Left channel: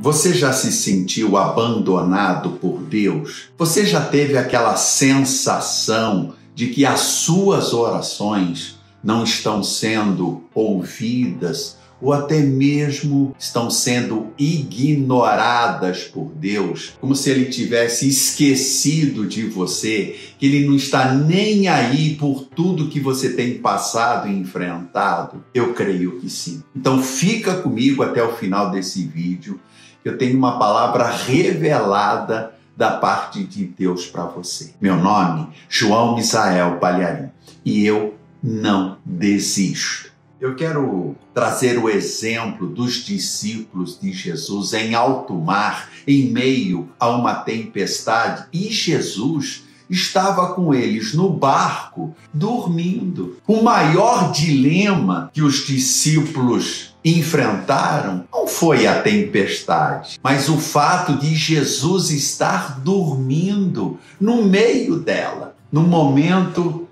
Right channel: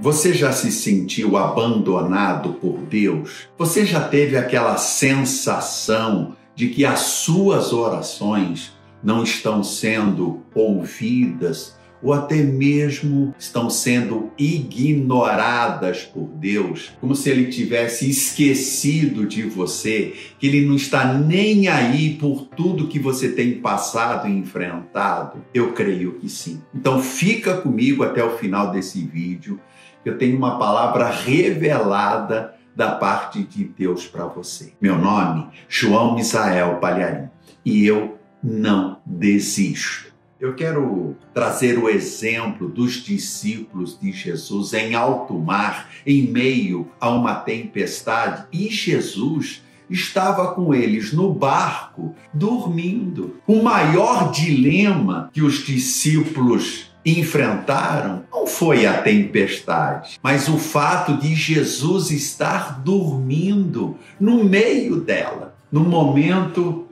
Você já se sentiu abandonado por Deus? Você já teve aquela sensação de que as suas orações não estão sendo ouvidas ou até mesmo estão sendo ignoradas por Deus, como se Ele tivesse esquecido de você, que Ele não está nem aí por tudo que você tem passado e enfrentado? Eu creio que sim. Então fica comigo até o final desse vídeo. Eu tenho uma palavra revelada da parte de Deus para você. Meu nome, João Misael Palharim, e eu não desisto. Eu quero trazer o exemplo dos discípulos de Jesus em alto mar, em meio a uma tempestade, e Jesus estava com eles no barco, dormindo. O maior dilema que os discípulos enfrentaram não foi a tempestade, mas o fato de Jesus estar dormindo no meio dela, no momento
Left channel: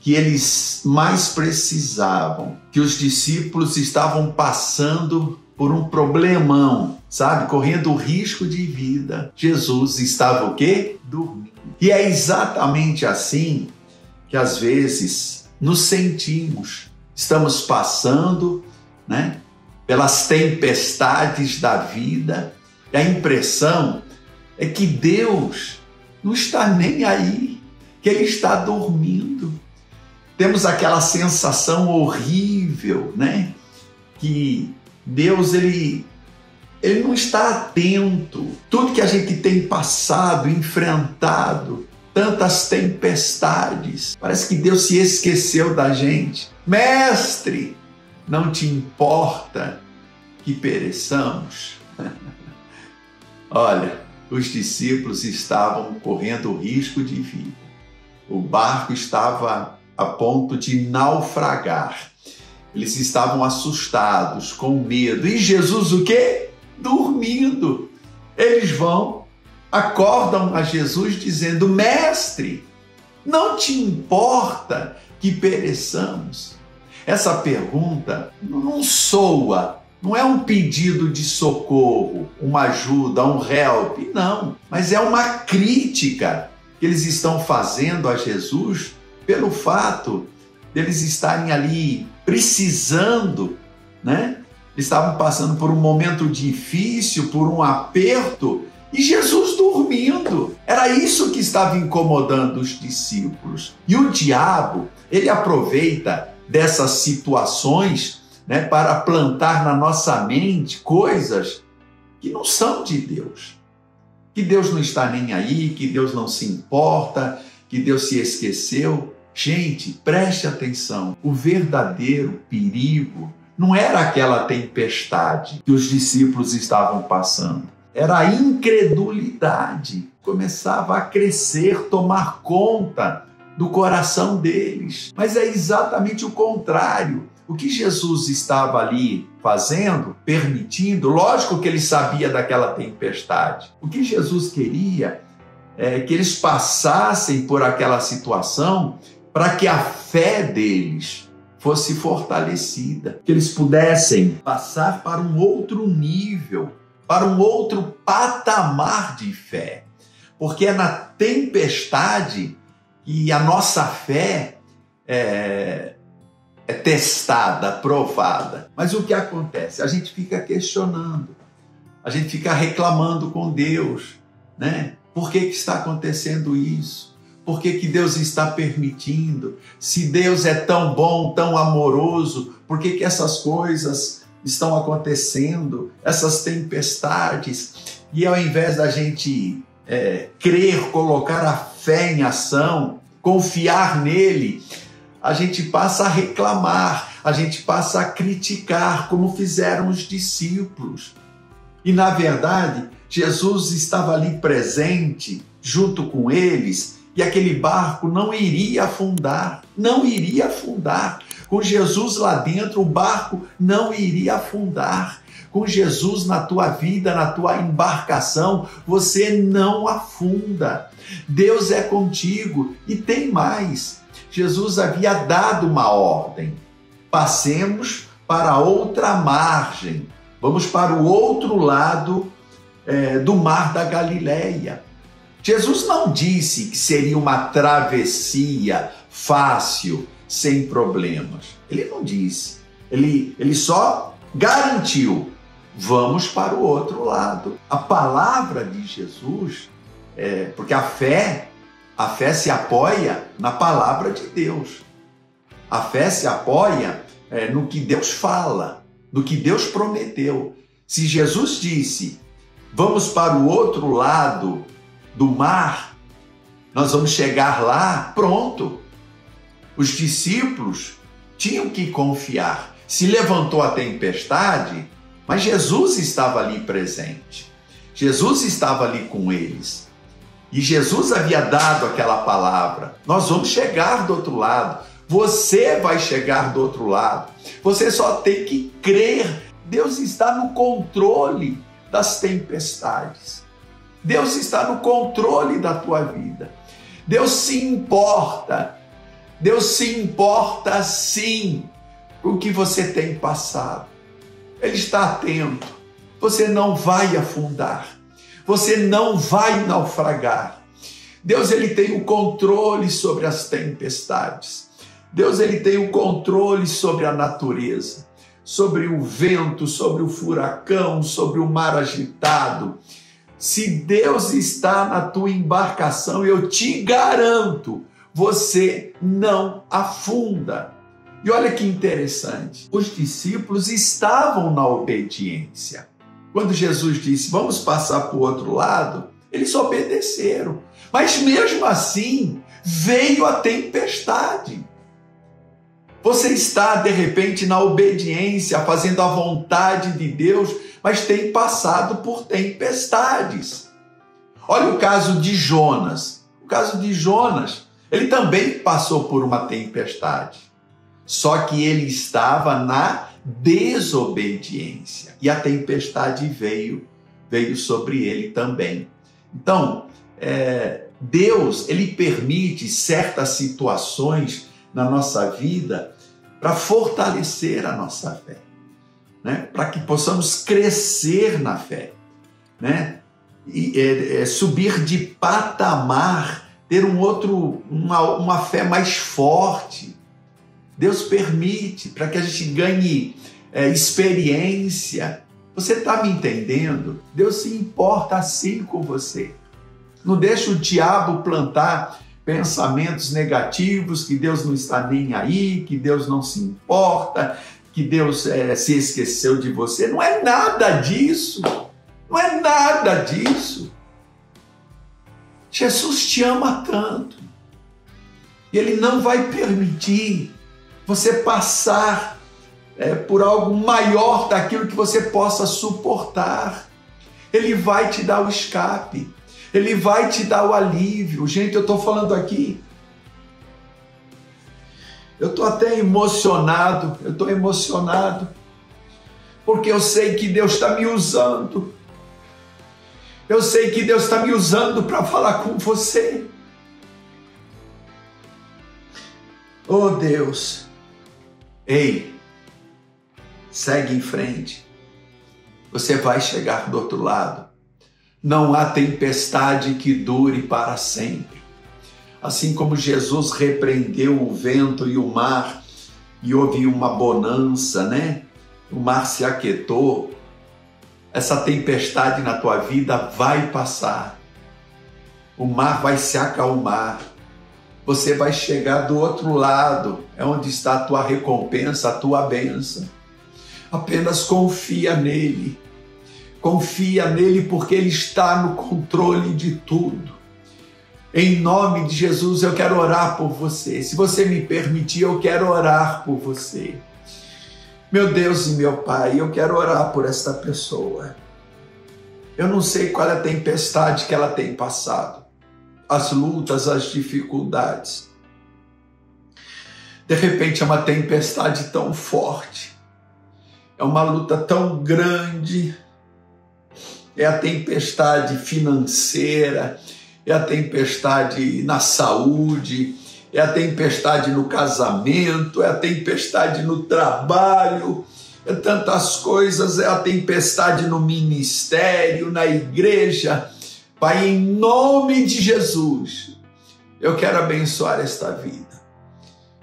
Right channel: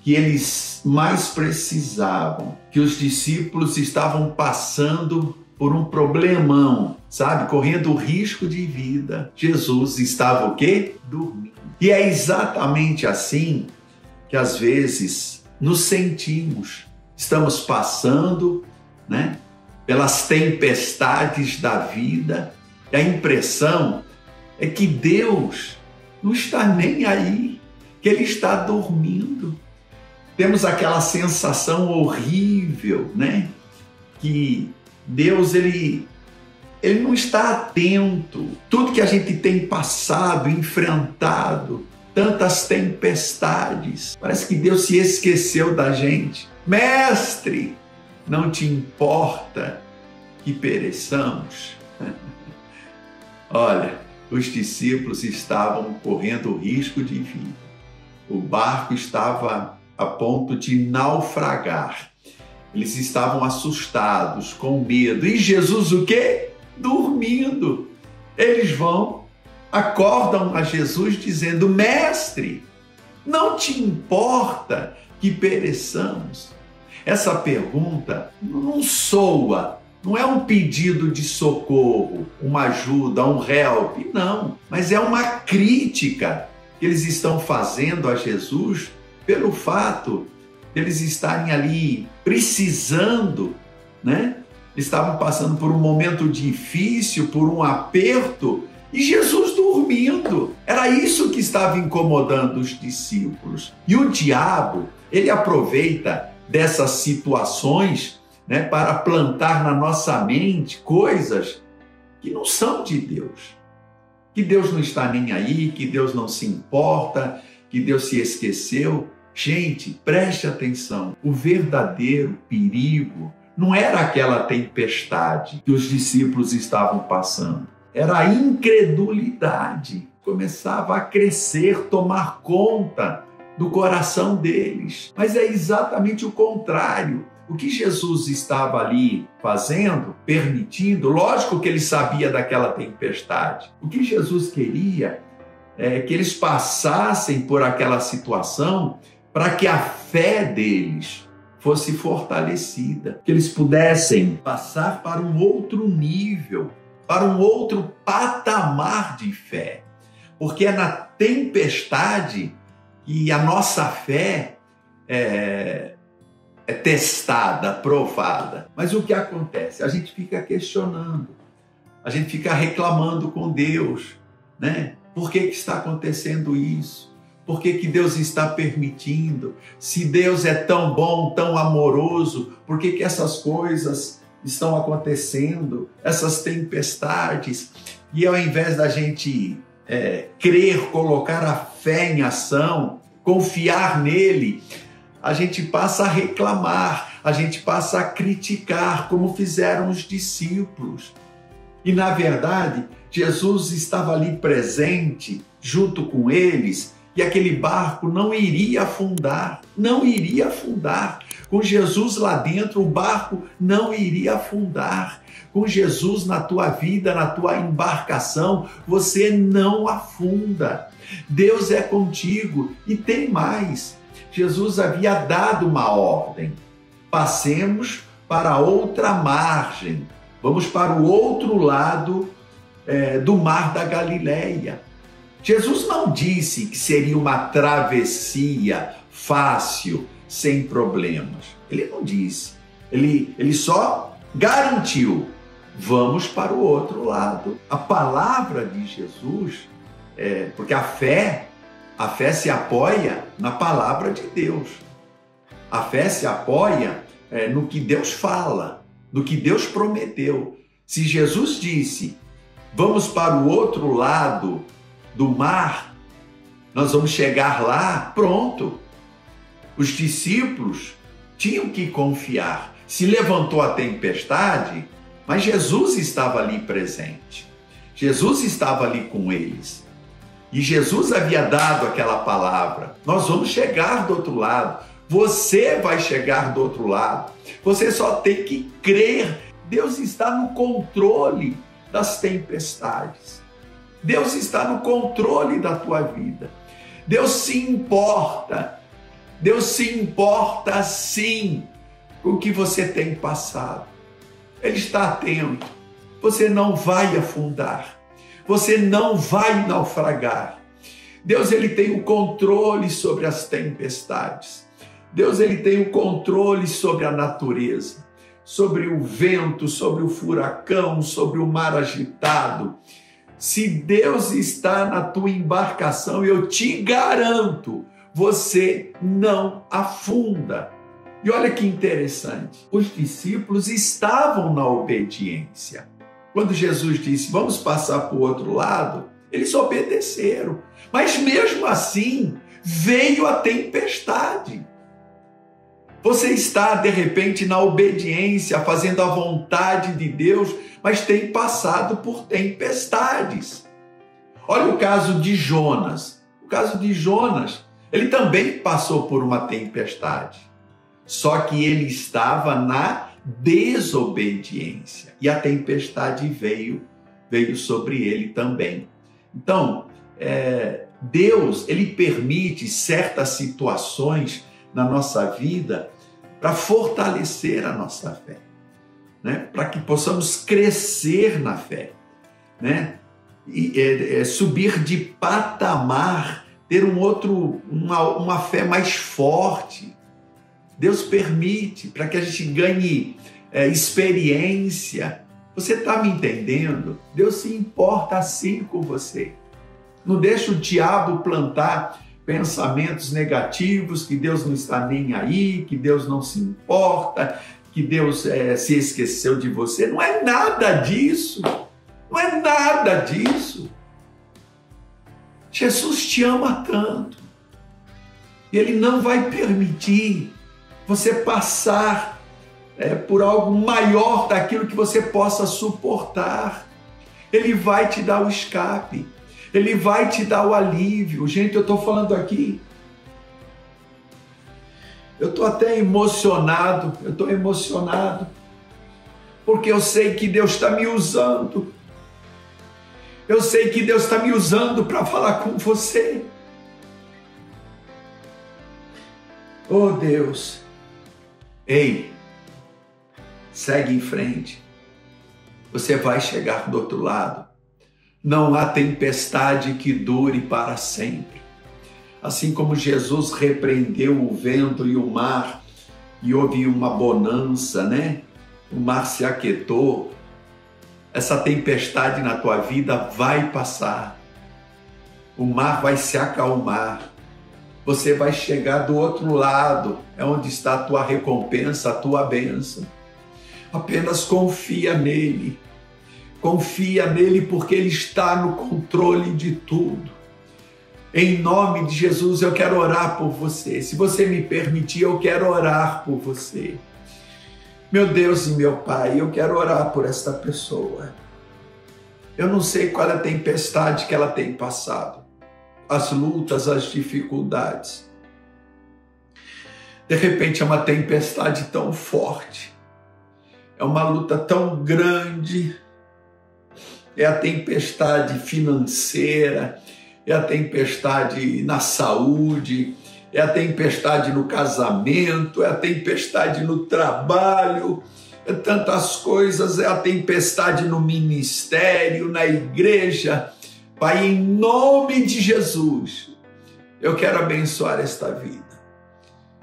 que eles mais precisavam, que os discípulos estavam passando por um problemão, sabe? Correndo risco de vida. Jesus estava o quê? Dormindo. E é exatamente assim que às vezes nos sentimos. Estamos passando, pelas tempestades da vida. E a impressão é que Deus não está nem aí, que Ele está dormindo. Temos aquela sensação horrível, que Deus, ele não está atento. Tudo que a gente tem passado, enfrentado, tantas tempestades, parece que Deus se esqueceu da gente. Mestre, não te importa que pereçamos? Olha, os discípulos estavam correndo risco de vida. O barco estava a ponto de naufragar. Eles estavam assustados, com medo. E Jesus o quê? Dormindo. Eles acordam a Jesus dizendo: Mestre, não te importa que pereçamos? Essa pergunta não soa, não é um pedido de socorro, uma ajuda, um help, não. Mas é uma crítica que eles estão fazendo a Jesus pelo fato de eles estarem ali precisando, Estavam passando por um momento difícil, por um aperto, e Jesus dormindo. Era isso que estava incomodando os discípulos. E o diabo, ele aproveita dessas situações, para plantar na nossa mente coisas que não são de Deus. Que Deus não está nem aí, que Deus não se importa, que Deus se esqueceu. Gente, preste atenção. O verdadeiro perigo não era aquela tempestade que os discípulos estavam passando. Era a incredulidade. Começava a crescer, tomar conta do coração deles. Mas é exatamente o contrário. O que Jesus estava ali fazendo, permitindo, lógico que ele sabia daquela tempestade. O que Jesus queria é que eles passassem por aquela situação para que a fé deles fosse fortalecida, que eles pudessem passar para um outro nível, para um outro patamar de fé. Porque é na tempestade que a nossa fé é testada, provada. Mas o que acontece? A gente fica questionando, a gente fica reclamando com Deus, Por que está acontecendo isso? Por que Deus está permitindo? Se Deus é tão bom, tão amoroso, por que essas coisas estão acontecendo? Essas tempestades? E ao invés da gente crer, colocar a fé em ação, confiar nele, a gente passa a reclamar, a gente passa a criticar, como fizeram os discípulos. E na verdade, Jesus estava ali presente, junto com eles, e aquele barco não iria afundar, não iria afundar. Com Jesus lá dentro, o barco não iria afundar. Com Jesus na tua vida, na tua embarcação, você não afunda. Deus é contigo. E tem mais. Jesus havia dado uma ordem. Passemos para outra margem. Vamos para o outro lado do mar da Galileia. Jesus não disse que seria uma travessia fácil, sem problemas. Ele não disse. Ele só garantiu: vamos para o outro lado. A palavra de Jesus, porque a fé se apoia na palavra de Deus. A fé se apoia no que Deus fala, no que Deus prometeu. Se Jesus disse: vamos para o outro lado do mar, nós vamos chegar lá, pronto. Os discípulos tinham que confiar. Se levantou a tempestade, mas Jesus estava ali presente. Jesus estava ali com eles. E Jesus havia dado aquela palavra: nós vamos chegar do outro lado. Você vai chegar do outro lado. Você só tem que crer. Deus está no controle das tempestades. Deus está no controle da tua vida. Deus se importa. Deus se importa sim com o que você tem passado. Ele está atento. Você não vai afundar. Você não vai naufragar. Deus, ele tem o controle sobre as tempestades. Deus, ele tem o controle sobre a natureza, sobre o vento, sobre o furacão, sobre o mar agitado. Se Deus está na tua embarcação, eu te garanto, você não afunda. E olha que interessante, os discípulos estavam na obediência. Quando Jesus disse: vamos passar para o outro lado, eles obedeceram. Mas mesmo assim, veio a tempestade. Você está, de repente, na obediência, fazendo a vontade de Deus, mas tem passado por tempestades. Olha o caso de Jonas. O caso de Jonas, ele também passou por uma tempestade. Só que ele estava na desobediência. E a tempestade veio sobre ele também. Então, Deus, ele permite certas situações na nossa vida para fortalecer a nossa fé, né? Para que possamos crescer na fé, né? E subir de patamar, ter uma fé mais forte. Deus permite para que a gente ganhe experiência. Você está me entendendo? Deus se importa assim com você. Não deixa o diabo plantar pensamentos negativos, que Deus não está nem aí, que Deus não se importa, que Deus se esqueceu de você. Não é nada disso. Não é nada disso. Jesus te ama tanto. E Ele não vai permitir você passar por algo maior daquilo que você possa suportar. Ele vai te dar o escape. Ele vai te dar o alívio. Gente, eu estou falando aqui. Eu estou até emocionado. Eu estou emocionado. Porque eu sei que Deus está me usando. Eu sei que Deus está me usando para falar com você. Oh Deus. Ei, segue em frente. Você vai chegar do outro lado. Não há tempestade que dure para sempre. Assim como Jesus repreendeu o vento e o mar, e houve uma bonança, né? O mar se aquietou. Essa tempestade na tua vida vai passar. O mar vai se acalmar. Você vai chegar do outro lado, é onde está a tua recompensa, a tua bênção. Apenas confia nele. Confia nele porque ele está no controle de tudo. Em nome de Jesus, eu quero orar por você. Se você me permitir, eu quero orar por você. Meu Deus e meu Pai, eu quero orar por esta pessoa. Eu não sei qual é a tempestade que ela tem passado. As lutas, as dificuldades. De repente é uma tempestade tão forte. É uma luta tão grande. É a tempestade financeira, é a tempestade na saúde, é a tempestade no casamento, é a tempestade no trabalho, tantas coisas, é a tempestade no ministério, na igreja. Pai, em nome de Jesus, eu quero abençoar esta vida.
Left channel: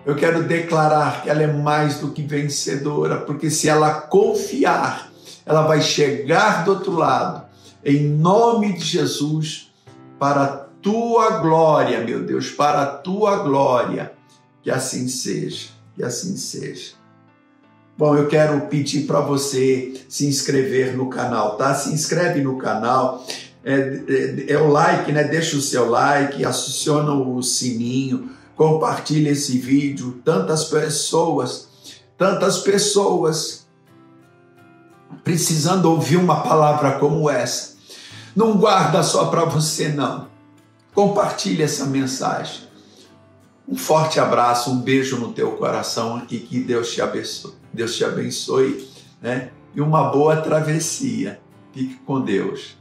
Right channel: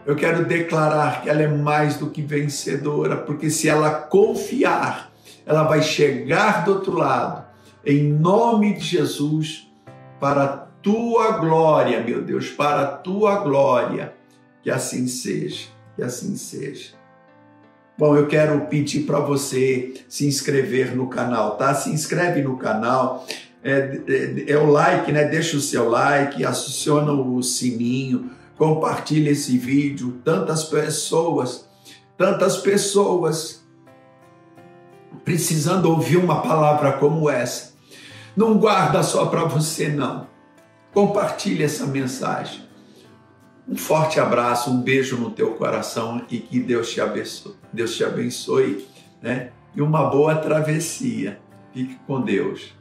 Eu quero declarar que ela é mais do que vencedora, porque se ela confiar, ela vai chegar do outro lado, em nome de Jesus, para a tua glória, meu Deus, para a tua glória. Que assim seja, que assim seja. Bom, eu quero pedir para você se inscrever no canal, tá? Se inscreve no canal, é o like, né? Deixa o seu like, aciona o sininho, compartilha esse vídeo. Tantas pessoas precisando ouvir uma palavra como essa. Não guarda só para você, não. Compartilha essa mensagem. Um forte abraço, um beijo no teu coração e que Deus te abençoe, né? E uma boa travessia. Fique com Deus.